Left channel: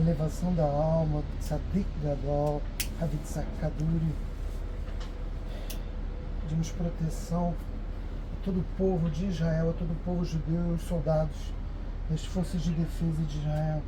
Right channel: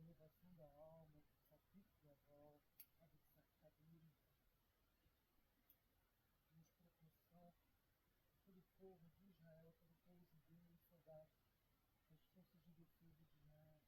elevação da alma, Tzadik Gadol, Havitzak Kaduri. Pedimos proteção a todo o povo de Israel, a todo o povo judeu e os soldados das forças de defesa de Israel.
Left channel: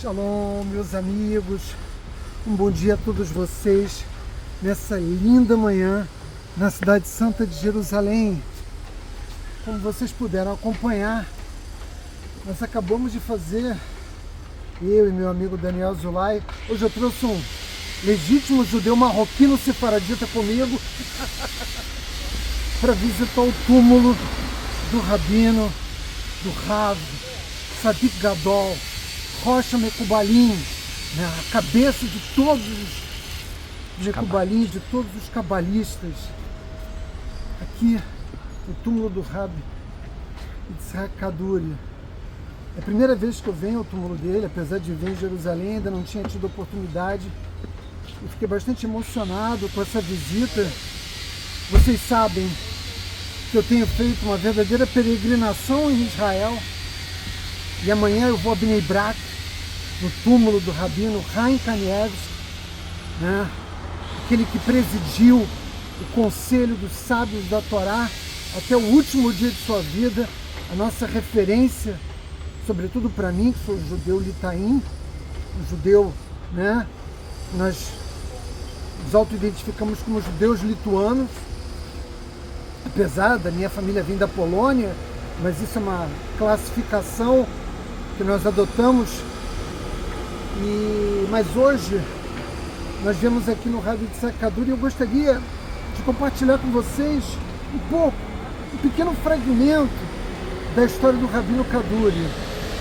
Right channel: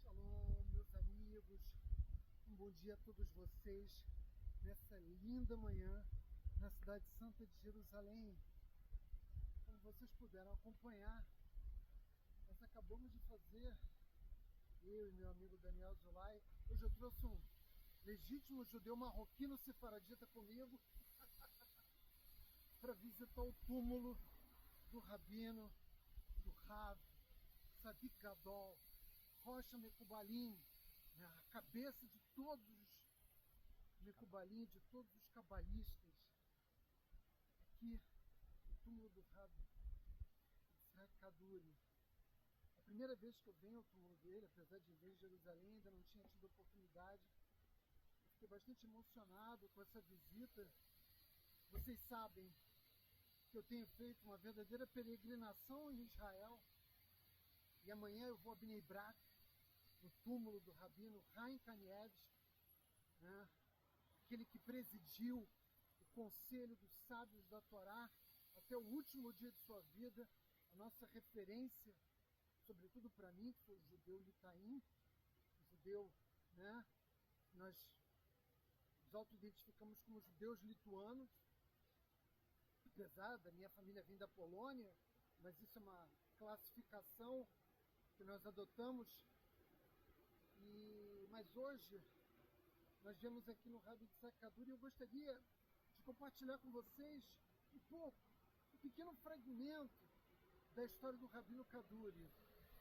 Shalom, meus amigos, um bom dia a todos vocês nessa linda manhã na cidade santa de Jerusalém. Como vocês puderam acompanhar, nós acabamos de fazer, eu e meu amigo Daniel Zulay, hoje eu trouxe um legítimo judeu marroquino sefaradita comigo para visitar o túmulo do Rabino, do Rav, Tzadik Gadol, Rocha Mekubalim, né, a cabeça de todos os Mekubalim, de todos os cabalistas. Aqui, o túmulo do Rabi Yitzhak Kaduri. É a primeira vez que eu venho ao túmulo dele, apesar de vir em Jerusalém, ainda não tinha tido oportunidade. Eu fiquei bastante emocionado com essa visita. Vocês sabem que eu tenho feito uma verdadeira peregrinação em Israel. E amanhã eu vou a Bnei Brak, no túmulo do Rabino Chaim Kanievsky, né? Aquele que presidiu o conselho dos sábios da Torá até o último dia de sua vida, a nossa referência, sobretudo para mim, que sou judeu litaim, um judeu, né? Nós nos auto-identificamos como judeus lituanos, apesar da minha família vir da Polônia, mas isso é uma classificação que nós adotamos. Mas hoje nós viemos aqui no Rav Yitzhak Kaduri e eu gostaria de compartilhar com vocês um pequeno fragmento da história do Rabino Kaduri.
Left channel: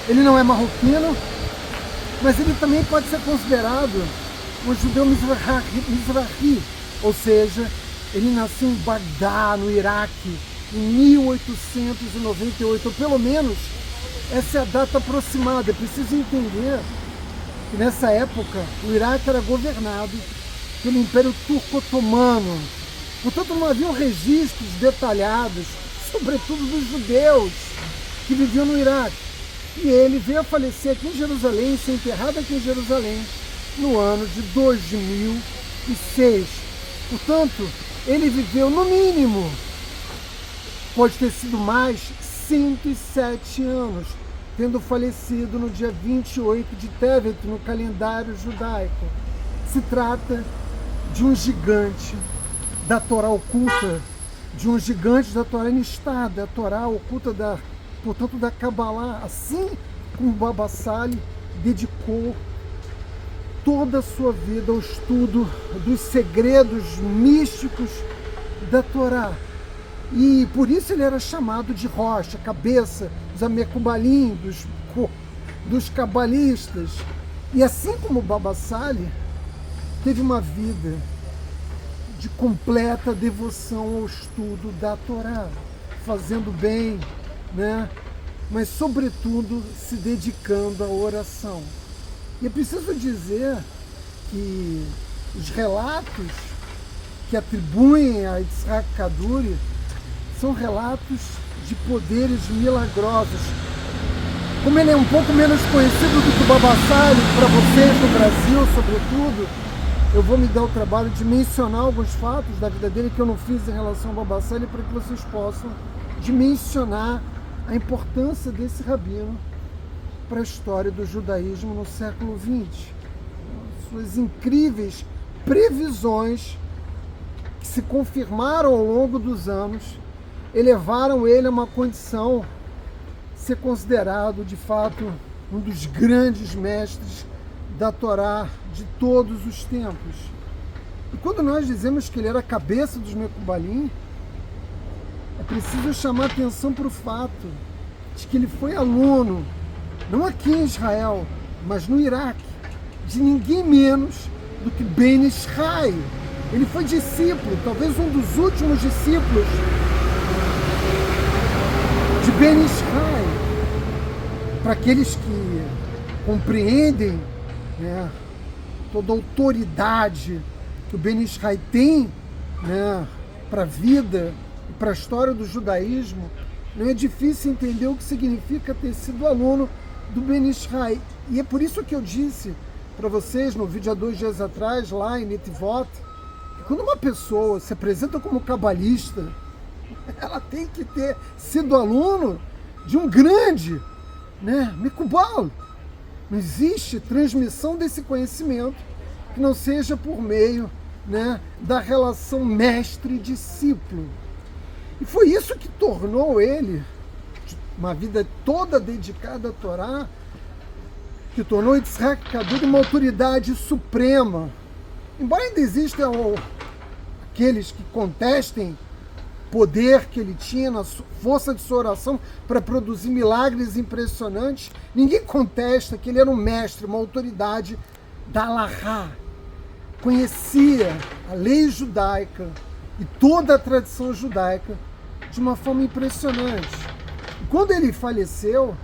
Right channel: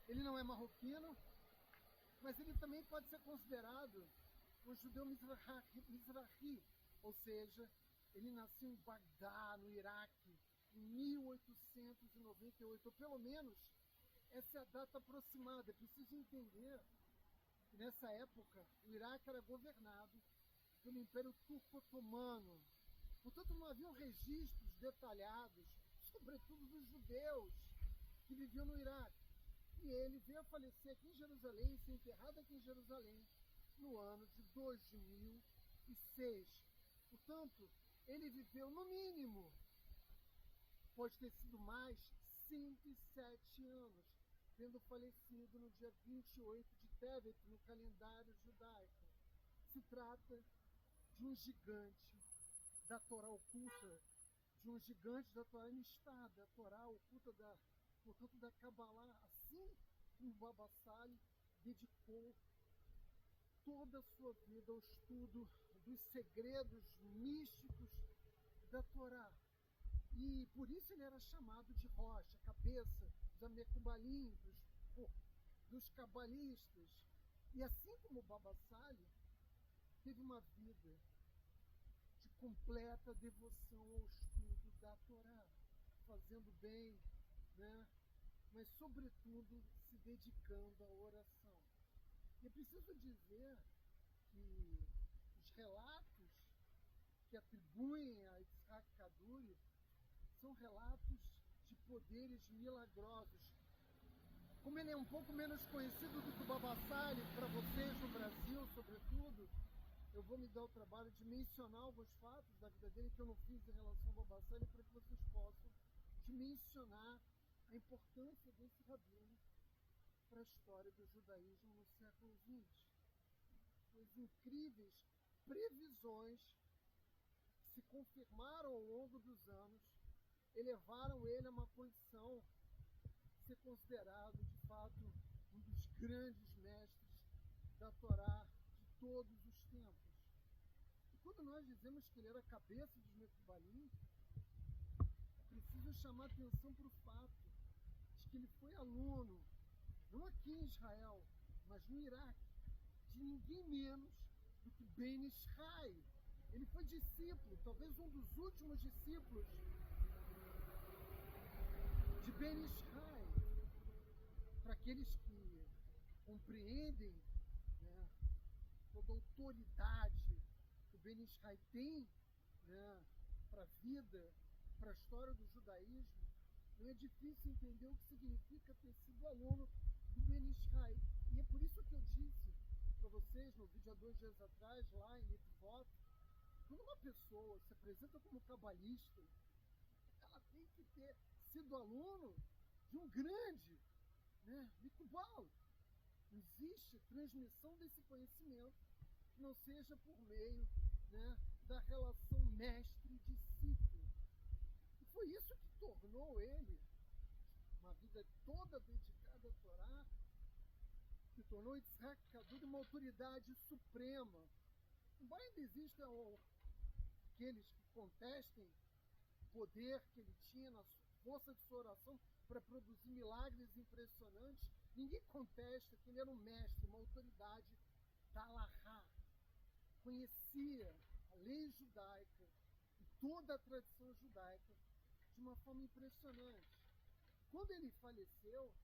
Ele não é marroquino, mas ele também pode ser considerado um judeu mizrahi, ou seja, Ele nasceu em Bagdá, no Iraque, em 1898, ou pelo menos essa é a data aproximada. É preciso entender que nessa época o Iraque era governado pelo Império Turco-Otomano. Portanto, não haviam registros detalhados, sobretudo dos judeus que viviam no Iraque. E ele veio a falecer aqui em Jerusalém, ser enterrado aqui em Jerusalém, no ano de 2006. Portanto, ele viveu, no mínimo, pode ter sido mais, 107 anos, tendo falecido no dia 28 de Tevet, no calendário judaico. Se trata de um gigante da Torá oculta, de um gigante da Torá Nistada, da Torá oculta, portanto, da Kabbalah, assim como o Baba Sali dedicou toda a sua vida ao estudo dos segredos místicos da Torá. E por isso ele era chamado de Rocha, cabeça, dos Amekubalim, dos cabalistas. E assim como o Baba Sali, teve uma vida de completa devoção ao estudo da Torá, fazendo bem, né? Mas sobretudo se dedicando à oração. E é preciso dizer que os relatos que atribuem a Yitzhak Kaduri são relatos de poderes milagrosos. Como ele é um pouco menos conhecido do que o Baba Sali, para vocês no Brasil, sobretudo, eu vou me dar o trabalho de mencionar alguns fatos da vida dele que eu não fiz em relação ao Baba Sali, para que vocês possam dimensionar a importância desse rabino para a história do judaísmo no século XX. Suas incríveis previsões, que se confirmaram ao longo dos anos, elevaram ele a uma condição de ser considerado, de fato, um dos grandes mestres da Torá de todos os tempos. E quando nós dizemos que ele era a cabeça dos Mekubalim, é preciso chamar atenção para o fato de que ele foi aluno, não aqui em Israel, mas no Iraque, de ninguém menos do que Ben Ishai. Ele foi discípulo, talvez um dos últimos discípulos de Ben Ishai. Para aqueles que compreendem, né, toda a autoridade que o Ben Ishai tem, né, para a vida e para a história do judaísmo, não é difícil entender o que significa ter sido aluno do Ben Ishai. E é por isso que eu disse para vocês no vídeo há 2 dias atrás, lá em Netivot, que quando uma pessoa se apresenta como cabalista, ela tem que ter sido aluno de um grande, né, Mekubal. Não existe transmissão desse conhecimento que não seja por meio, né, da relação mestre-discípulo. E foi isso que tornou ele, uma vida toda dedicada à Torá, que tornou Yitzhak Kaduri uma autoridade suprema. Embora ainda existam aqueles que contestem o poder que ele tinha na força de sua oração para produzir milagres impressionantes, ninguém contesta que ele era um mestre, uma autoridade da Halahá. Conhecia a lei judaica e toda a tradição judaica de uma forma impressionante. E quando ele faleceu,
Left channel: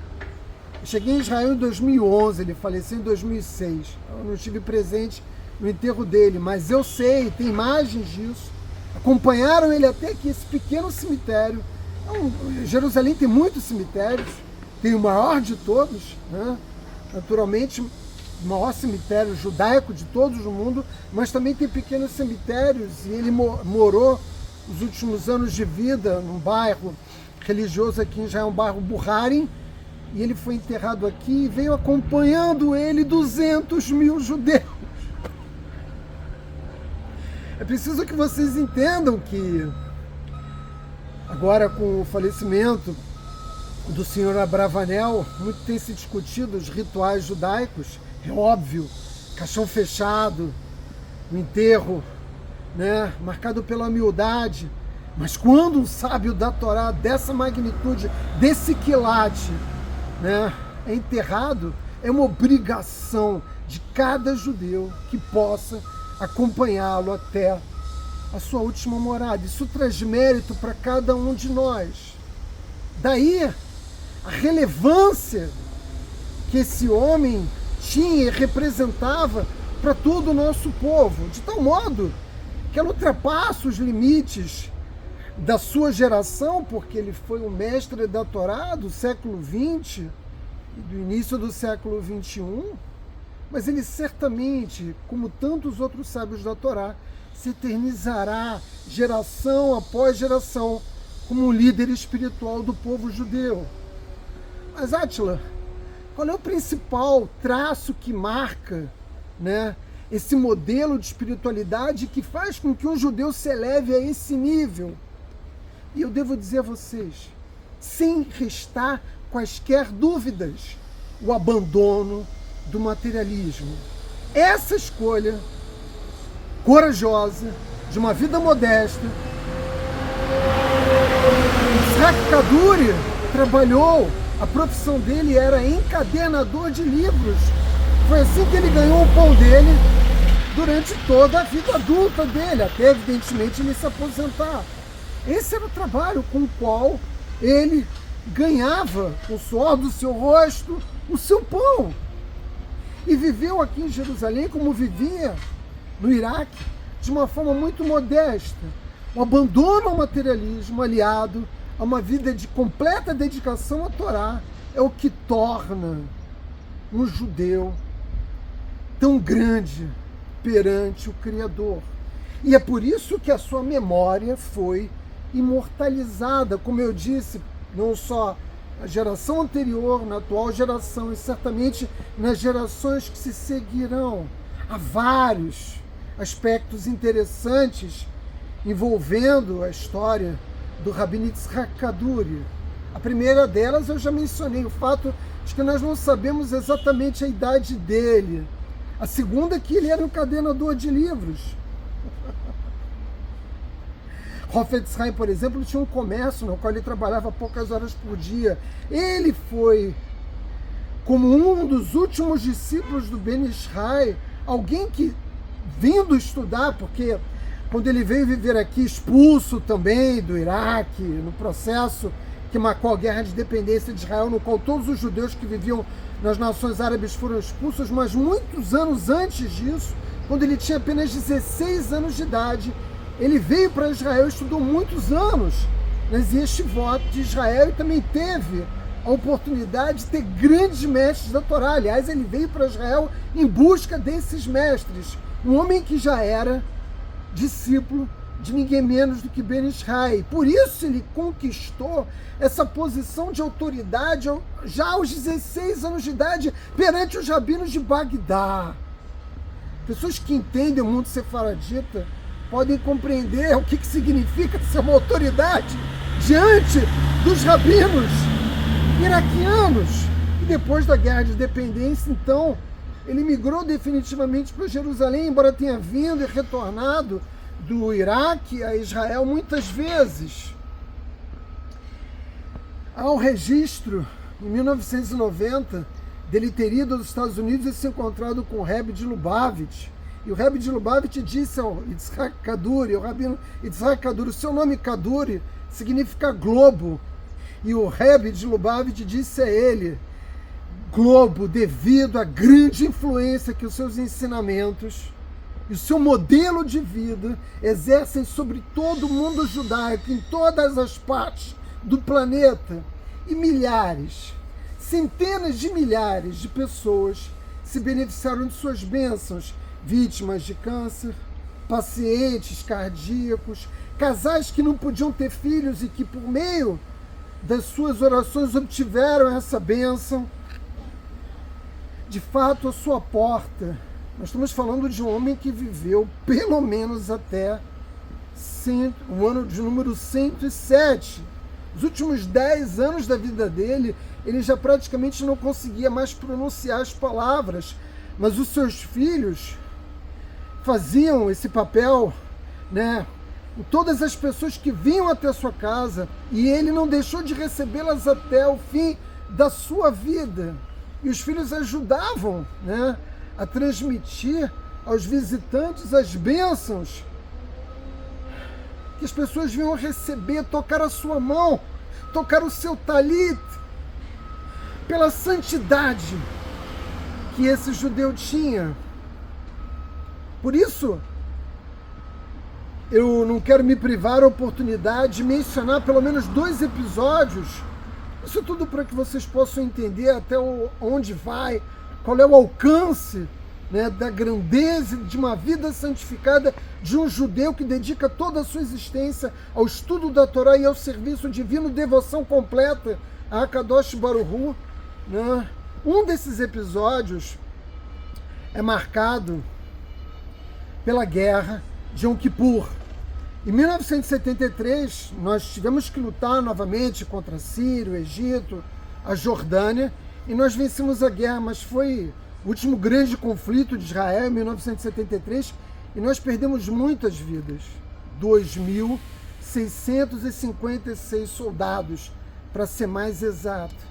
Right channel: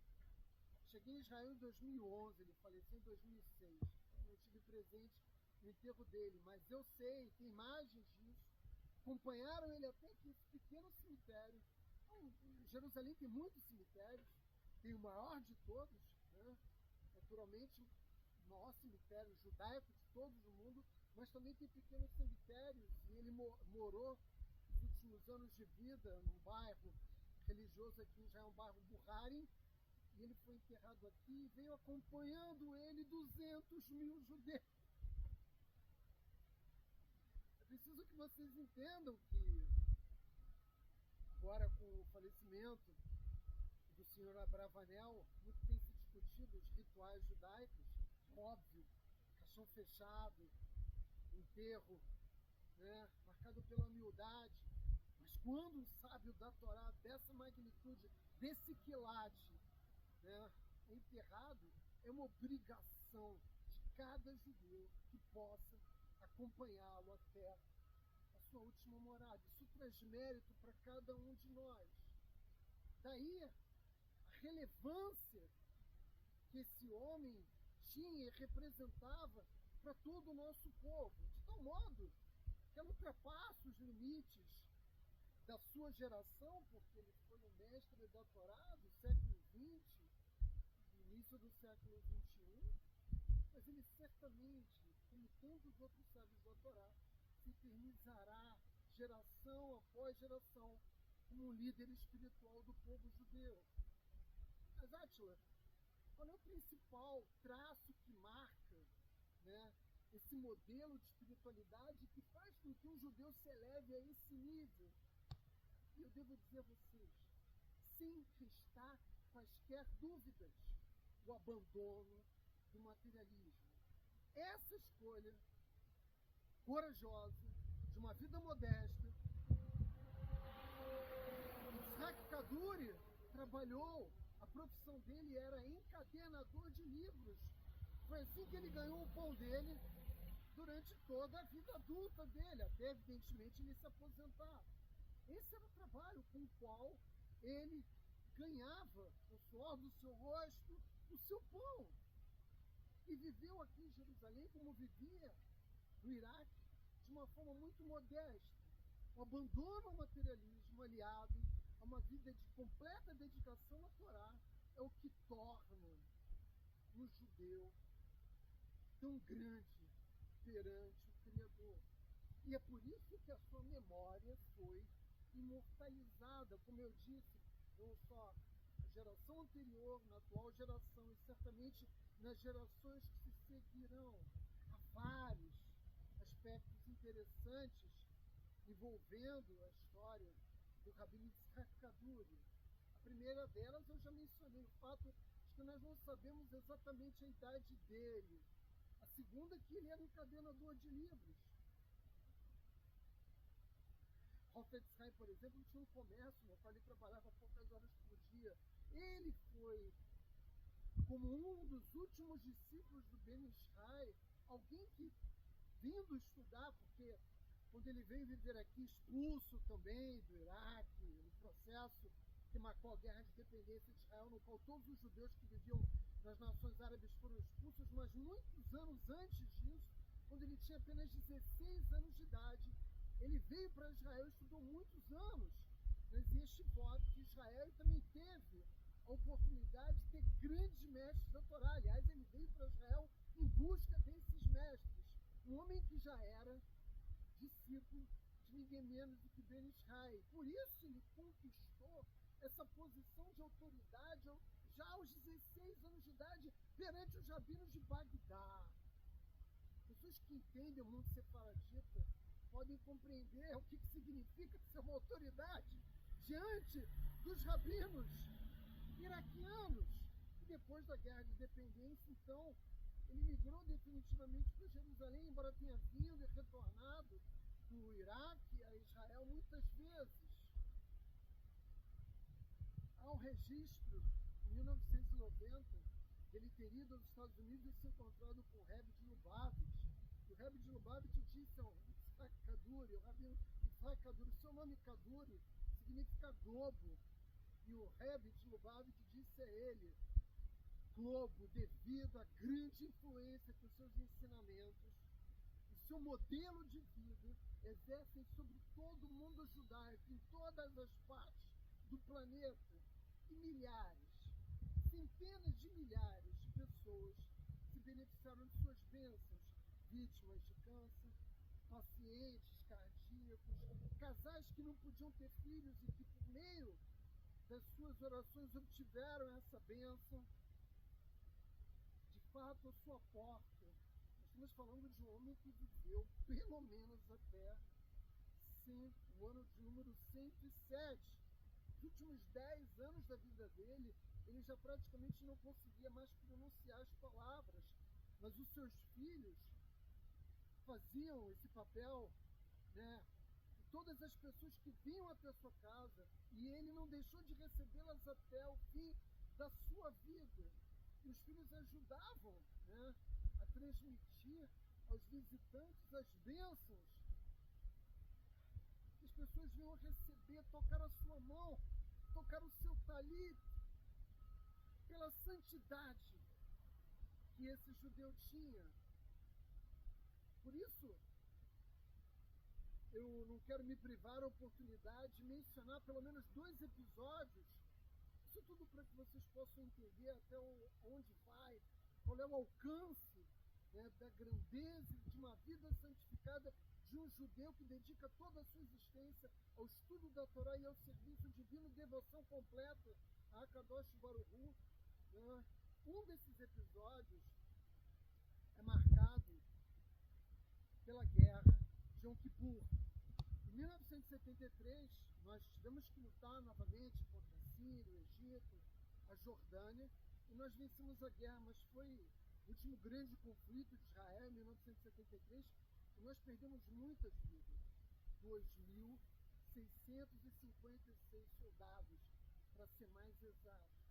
eu cheguei em Israel em 2011, ele faleceu em 2006. Eu não estive presente no enterro dele, mas eu sei, tem imagens disso. Acompanharam ele até aqui, esse pequeno cemitério. Jerusalém tem muitos cemitérios, tem o maior de todos, né? Naturalmente, o maior cemitério judaico de todos o mundo, mas também tem pequenos cemitérios, e ele morou os últimos anos de vida num bairro religioso aqui em Israel, um bairro Buharim, e ele foi enterrado aqui e veio acompanhando ele 200 mil judeus. É preciso que vocês entendam que agora, com o falecimento do senhor Abravanel, muito tem se discutido os rituais judaicos, é óbvio, caixão fechado, o enterro, né, marcado pela humildade, mas quando um sábio da Torá dessa magnitude, desse quilate, né, é enterrado, é uma obrigação de cada judeu que possa acompanhá-lo até a sua última morada. Isso traz mérito para cada um de nós. Daí a relevância que esse homem tinha e representava para todo o nosso povo, de tal modo que ela ultrapassa os limites da sua geração, porque ele foi um mestre da Torá do século XX e do início do século XXI, mas ele certamente, como tantos outros sábios da Torá, se eternizará geração após geração como um líder espiritual do povo judeu. Mas, Átila, qual é o principal traço que marca, né, esse modelo de espiritualidade que faz com que um judeu se eleve a esse nível? E eu devo dizer a vocês, sem restar quaisquer dúvidas, o abandono do materialismo. Essa escolha corajosa de uma vida modesta. Yitzhak Kaduri trabalhou, a profissão dele era encadernador de livros. Foi assim que ele ganhou o pão dele durante toda a vida adulta dele, até evidentemente ele se aposentar. Esse era o trabalho com o qual ele ganhava, com o suor do seu rosto, o seu pão. E viveu aqui em Jerusalém como vivia no Iraque, de uma forma muito modesta. O abandono ao materialismo, aliado a uma vida de completa dedicação à Torá, é o que torna um judeu tão grande perante o Criador. E é por isso que a sua memória foi imortalizada, como eu disse, não só na geração anterior, na atual geração e certamente nas gerações que se seguirão. Há vários aspectos interessantes envolvendo a história do Rabino Yitzhak Kaduri. A primeira delas eu já mencionei, o fato de que nós não sabemos exatamente a idade dele. A segunda é que ele era um encadenador de livros. Hafetz Haim, por exemplo, tinha um comércio no qual ele trabalhava poucas horas por dia. Ele foi, como um dos últimos discípulos do Ben Ishai, alguém que, vindo estudar, porque quando ele veio viver aqui, expulso também do Iraque, no processo que marcou a guerra de independência de Israel, no qual todos os judeus que viviam nas nações árabes foram expulsos, mas muitos anos antes disso, quando ele tinha apenas 16 anos de idade, ele veio para Israel e estudou muitos anos nas yeshivot de Israel e também teve a oportunidade de ter grandes mestres da Torá. Aliás, ele veio para Israel em busca desses mestres. Um homem que já era discípulo de ninguém menos do que Ben Ishai. Por isso ele conquistou essa posição de autoridade já aos 16 anos de idade perante os rabinos de Bagdá. Pessoas que entendem o mundo sefaradita podem compreender o que significa ser uma autoridade diante dos rabinos iraquianos. E depois da Guerra de Independência, então, ele migrou definitivamente para Jerusalém, embora tenha vindo e retornado do Iraque a Israel muitas vezes. Há um registro, em 1990, dele ter ido aos Estados Unidos e se encontrado com o Rebbe de Lubavitch. E o Rebbe de Lubavitch disse ao Yitzhak Kaduri, ao Rabino Yitzhak Kaduri, o seu nome Kaduri significa globo. E o Rebbe de Lubavitch disse a ele, globo, devido à grande influência que os seus ensinamentos e o seu modelo de vida exercem sobre todo o mundo judaico, em todas as partes do planeta. E milhares, centenas de milhares de pessoas se beneficiaram de suas bênçãos, vítimas de câncer, pacientes cardíacos, casais que não podiam ter filhos e que por meio das suas orações obtiveram essa bênção. De fato, a sua porta, nós estamos falando de um homem que viveu pelo menos até o ano de número 107. Os últimos 10 anos da vida dele, ele já praticamente não conseguia mais pronunciar as palavras, mas os seus filhos faziam esse papel, né? Todas as pessoas que vinham até a sua casa, e ele não deixou de recebê-las até o fim da sua vida. E os filhos ajudavam, né, a transmitir aos visitantes as bênçãos que as pessoas vinham receber, tocar a sua mão, tocar o seu talit, pela santidade que esse judeu tinha. Por isso, eu não quero me privar a oportunidade de mencionar pelo menos 2 episódios. Isso tudo para que vocês possam entender até onde vai, qual é o alcance, né, da grandeza de uma vida santificada de um judeu que dedica toda a sua existência ao estudo da Torá e ao serviço divino, devoção completa a Akadosh Baruch Hu, né? Um desses episódios é marcado pela guerra de Yom Kippur. Em 1973, nós tivemos que lutar novamente contra a Síria, o Egito, a Jordânia, e nós vencemos a guerra, mas foi o último grande conflito de Israel em 1973, e nós perdemos muitas vidas. 2.656 soldados, para ser mais exato.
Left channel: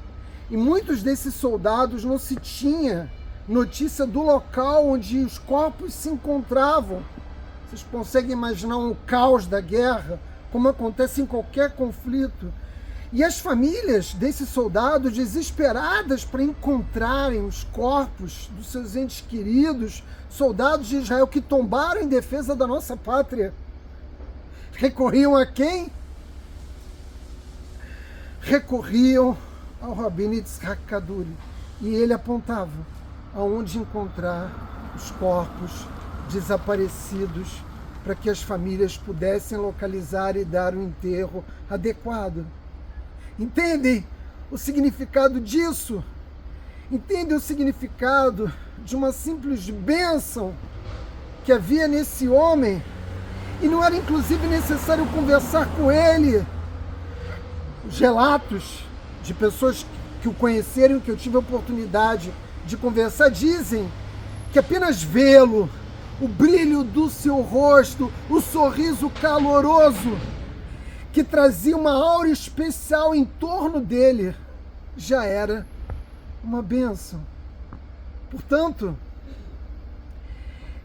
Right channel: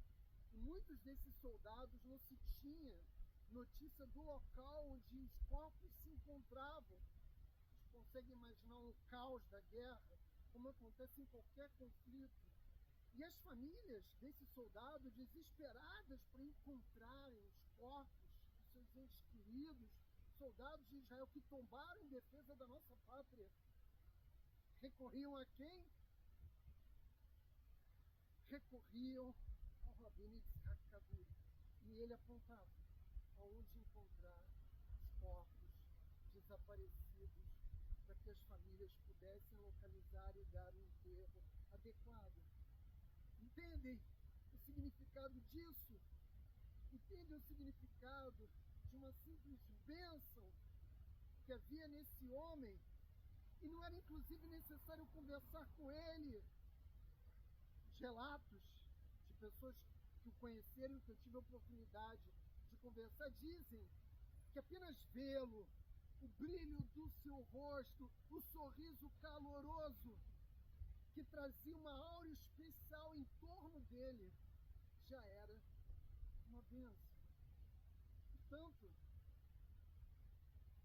E muitos desses soldados não se tinha notícia do local onde os corpos se encontravam. Vocês conseguem imaginar um caos da guerra, como acontece em qualquer conflito. E as famílias desses soldados, desesperadas para encontrarem os corpos dos seus entes queridos, soldados de Israel que tombaram em defesa da nossa pátria, recorriam a quem? Recorriam ao Rabino Yitzhak Kaduri. E ele apontava aonde encontrar os corpos desaparecidos para que as famílias pudessem localizar e dar um enterro adequado. Entendem o significado disso? Entendem o significado de uma simples bênção que havia nesse homem? E não era inclusive necessário conversar com ele. Os relatos de pessoas que o conheceram, que eu tive a oportunidade de conversar, dizem que apenas vê-lo, o brilho do seu rosto, o sorriso caloroso, que trazia uma aura especial em torno dele, já era uma bênção. Portanto,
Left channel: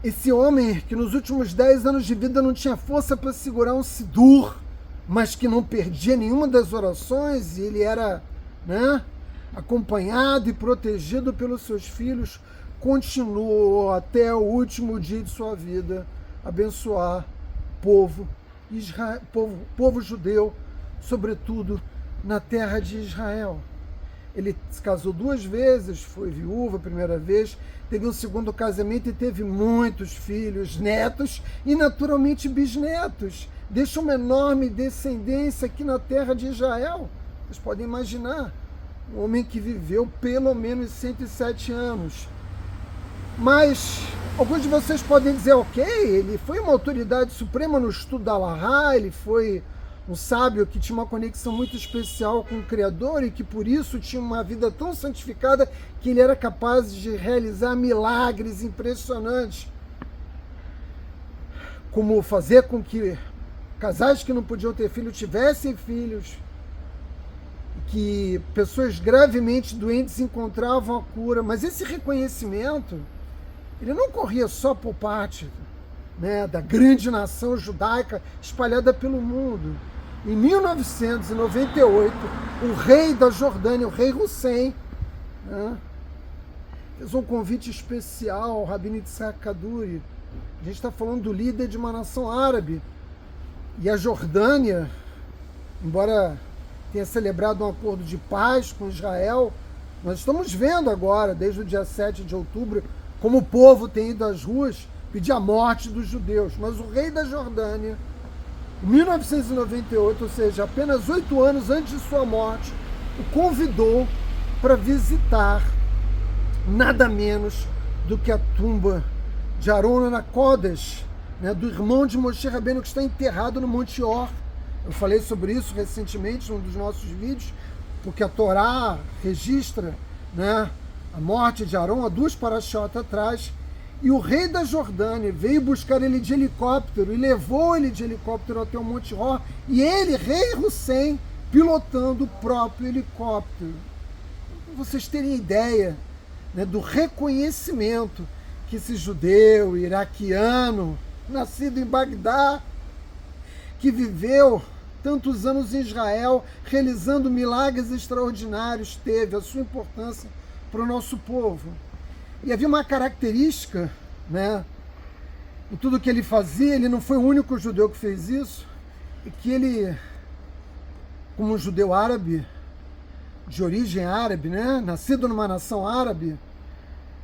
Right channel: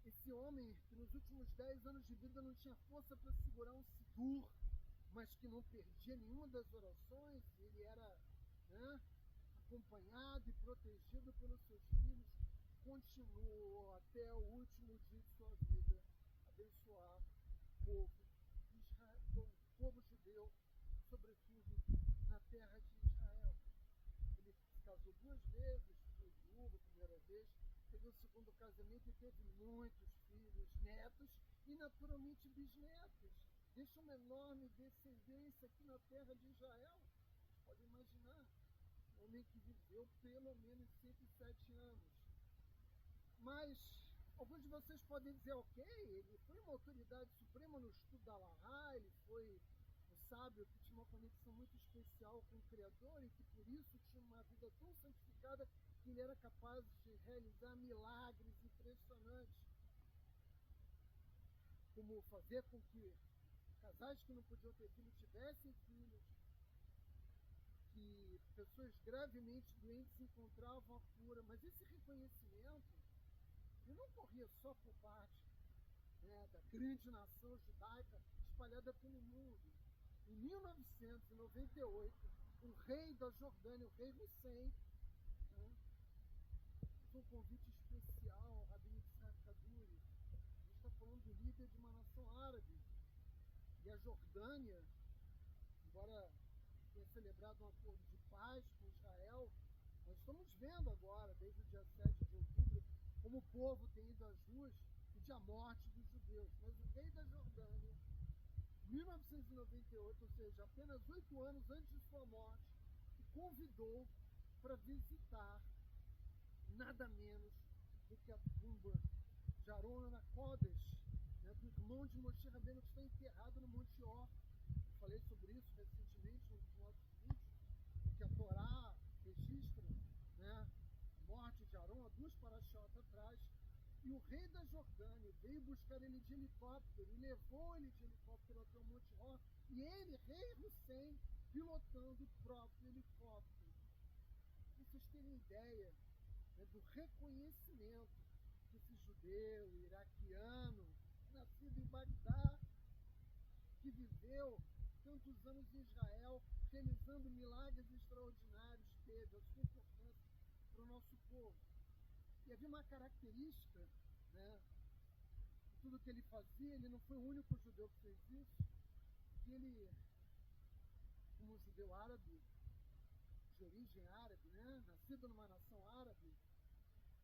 esse homem que nos últimos 10 anos de vida não tinha força para segurar um sidur, mas que não perdia nenhuma das orações, e ele era, acompanhado e protegido pelos seus filhos, continuou até o último dia de sua vida abençoar povo judeu, sobretudo na terra de Israel. Ele se casou 2 vezes, foi viúva a primeira vez, teve um segundo casamento e teve muitos filhos, netos e naturalmente bisnetos. Deixa uma enorme descendência aqui na terra de Israel. Vocês podem imaginar, um homem que viveu pelo menos 107 anos. Mas alguns de vocês podem dizer, ok, ele foi uma autoridade suprema no estudo da Alahá, ele foi um sábio que tinha uma conexão muito especial com o Criador e que por isso tinha uma vida tão santificada que ele era capaz de realizar milagres impressionantes, como fazer com que casais que não podiam ter filhos tivessem filhos, que pessoas gravemente doentes encontravam a cura. Mas esse reconhecimento, ele não corria só por parte, da grande nação judaica espalhada pelo mundo. Em 1998, o rei da Jordânia, o rei Hussein, fez um convite especial ao Rabino Yitzhak Kaduri. A gente está falando do líder de uma nação árabe. E a Jordânia, embora tenha celebrado um acordo de paz com Israel, nós estamos vendo agora, desde o dia 7 de outubro, como o povo tem ido às ruas pedir a morte dos judeus. Mas o rei da Jordânia, em 1998, ou seja, apenas 8 anos antes de sua morte, o convidou para visitar nada menos do que a tumba de Aron HaKodesh, do irmão de Moshe Rabbeinu, que está enterrado no Monte Or. Eu falei sobre isso recentemente num dos nossos vídeos, porque a Torá registra, a morte de Aron há 2 parashot atrás, e o rei da Jordânia veio buscar ele de helicóptero e levou ele de helicóptero até o Monte Or, e ele, rei Hussein, pilotando o próprio helicóptero. Para vocês terem ideia, do reconhecimento que esse judeu iraquiano, nascido em Bagdá, que viveu tantos anos em Israel, realizando milagres extraordinários, teve a sua importância para o nosso povo. E havia uma característica, né, em tudo que ele fazia. Ele não foi o único judeu que fez isso, e que ele, como um judeu árabe, de origem árabe, né, nascido numa nação árabe,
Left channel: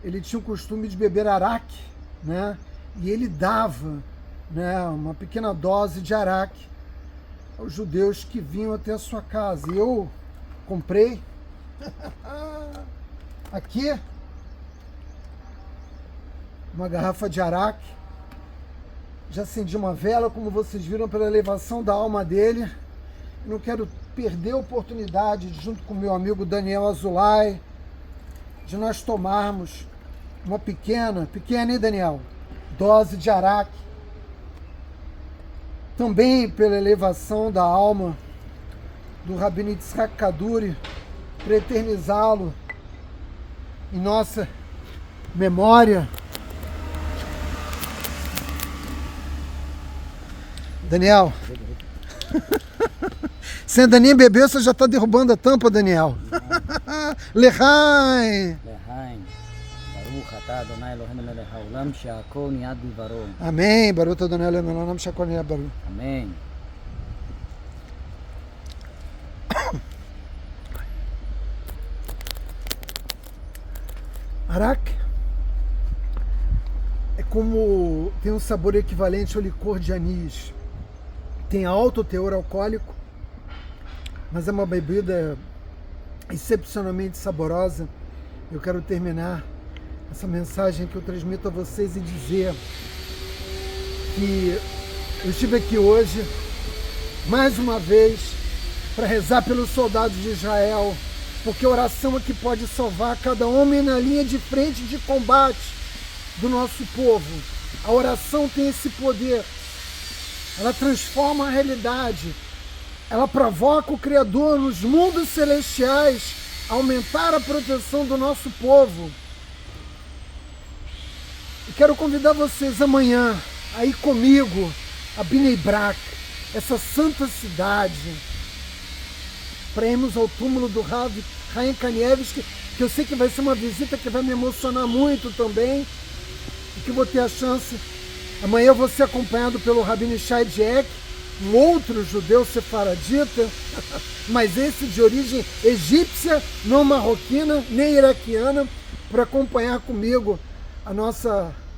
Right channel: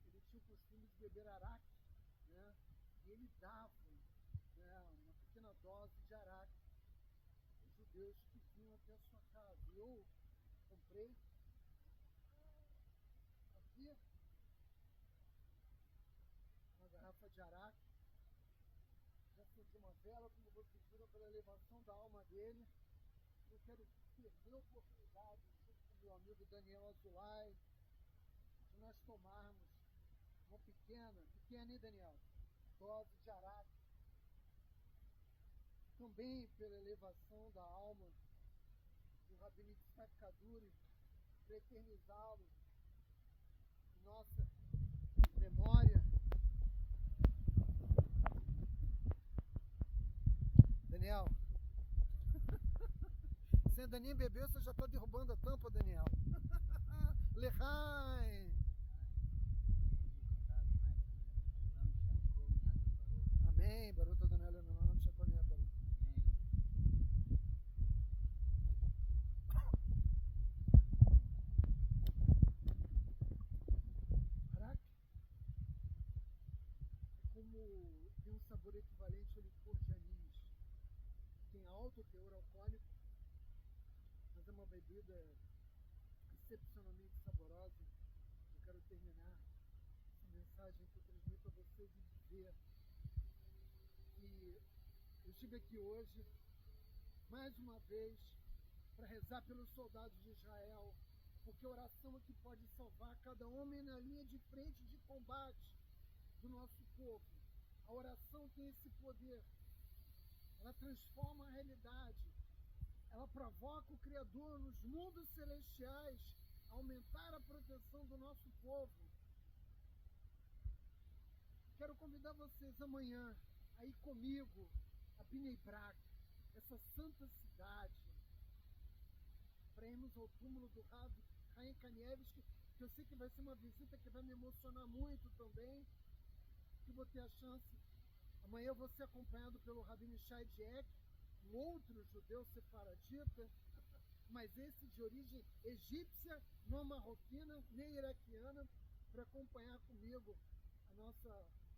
ele tinha o costume de beber araque, né, e ele dava, né, uma pequena dose de araque aos judeus que vinham até a sua casa. E eu comprei aqui uma garrafa de araque, já acendi uma vela, como vocês viram, pela elevação da alma dele. Eu não quero perder a oportunidade, junto com meu amigo Daniel Azulay, de nós tomarmos uma pequena, hein, Daniel? Dose de araque, também pela elevação da alma do Rabino Yitzhak Kaduri, para eternizá-lo em nossa memória. Daniel, você ainda nem bebeu, você já está derrubando a tampa, Daniel. Lechaim. Baruch atah Adonai Eloheinu melech haolam she'akol niyad bidvaro. Amém. Baruch Adonai Eloheinu melech haolam she'akol niyad bidvaro. Amém. Araque é como, tem um sabor equivalente ao licor de anis. Tem alto teor alcoólico, mas é uma bebida excepcionalmente saborosa. Eu quero terminar essa mensagem que eu transmito a vocês e dizer que eu estive aqui hoje, mais uma vez, para rezar pelos soldados de Israel, porque a oração é que pode salvar cada homem na linha de frente de combate do nosso povo. A oração tem esse poder. Ela transforma a realidade. Ela provoca o Criador nos mundos celestiais a aumentar a proteção do nosso povo. E quero convidar vocês amanhã a ir comigo a Bnei Brak, essa santa cidade, para irmos ao túmulo do Rav Chaim Kanievski, que eu sei que vai ser uma visita que vai me emocionar muito também, e que vou ter a chance. Amanhã eu vou ser acompanhado pelo Rabino Shai Dieck, um outro judeu sefaradita, mas esse de origem egípcia, não marroquina, nem iraquiana, para acompanhar comigo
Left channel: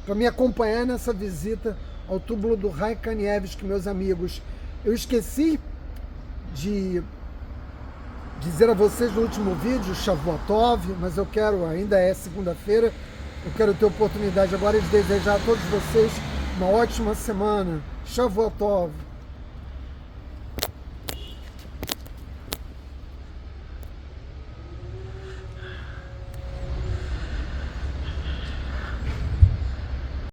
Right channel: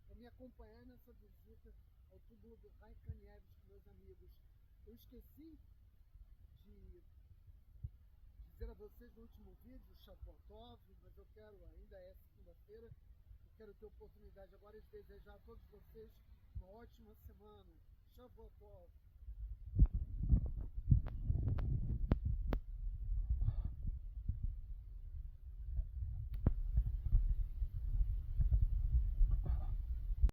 para me acompanhar nessa visita ao túmulo do Chaim Kanievski, meus amigos. Eu esqueci de dizer a vocês no último vídeo, Shavuot Tov, mas eu quero, ainda é segunda-feira, eu quero ter oportunidade agora de desejar a todos vocês uma ótima semana. Shavuot Tov.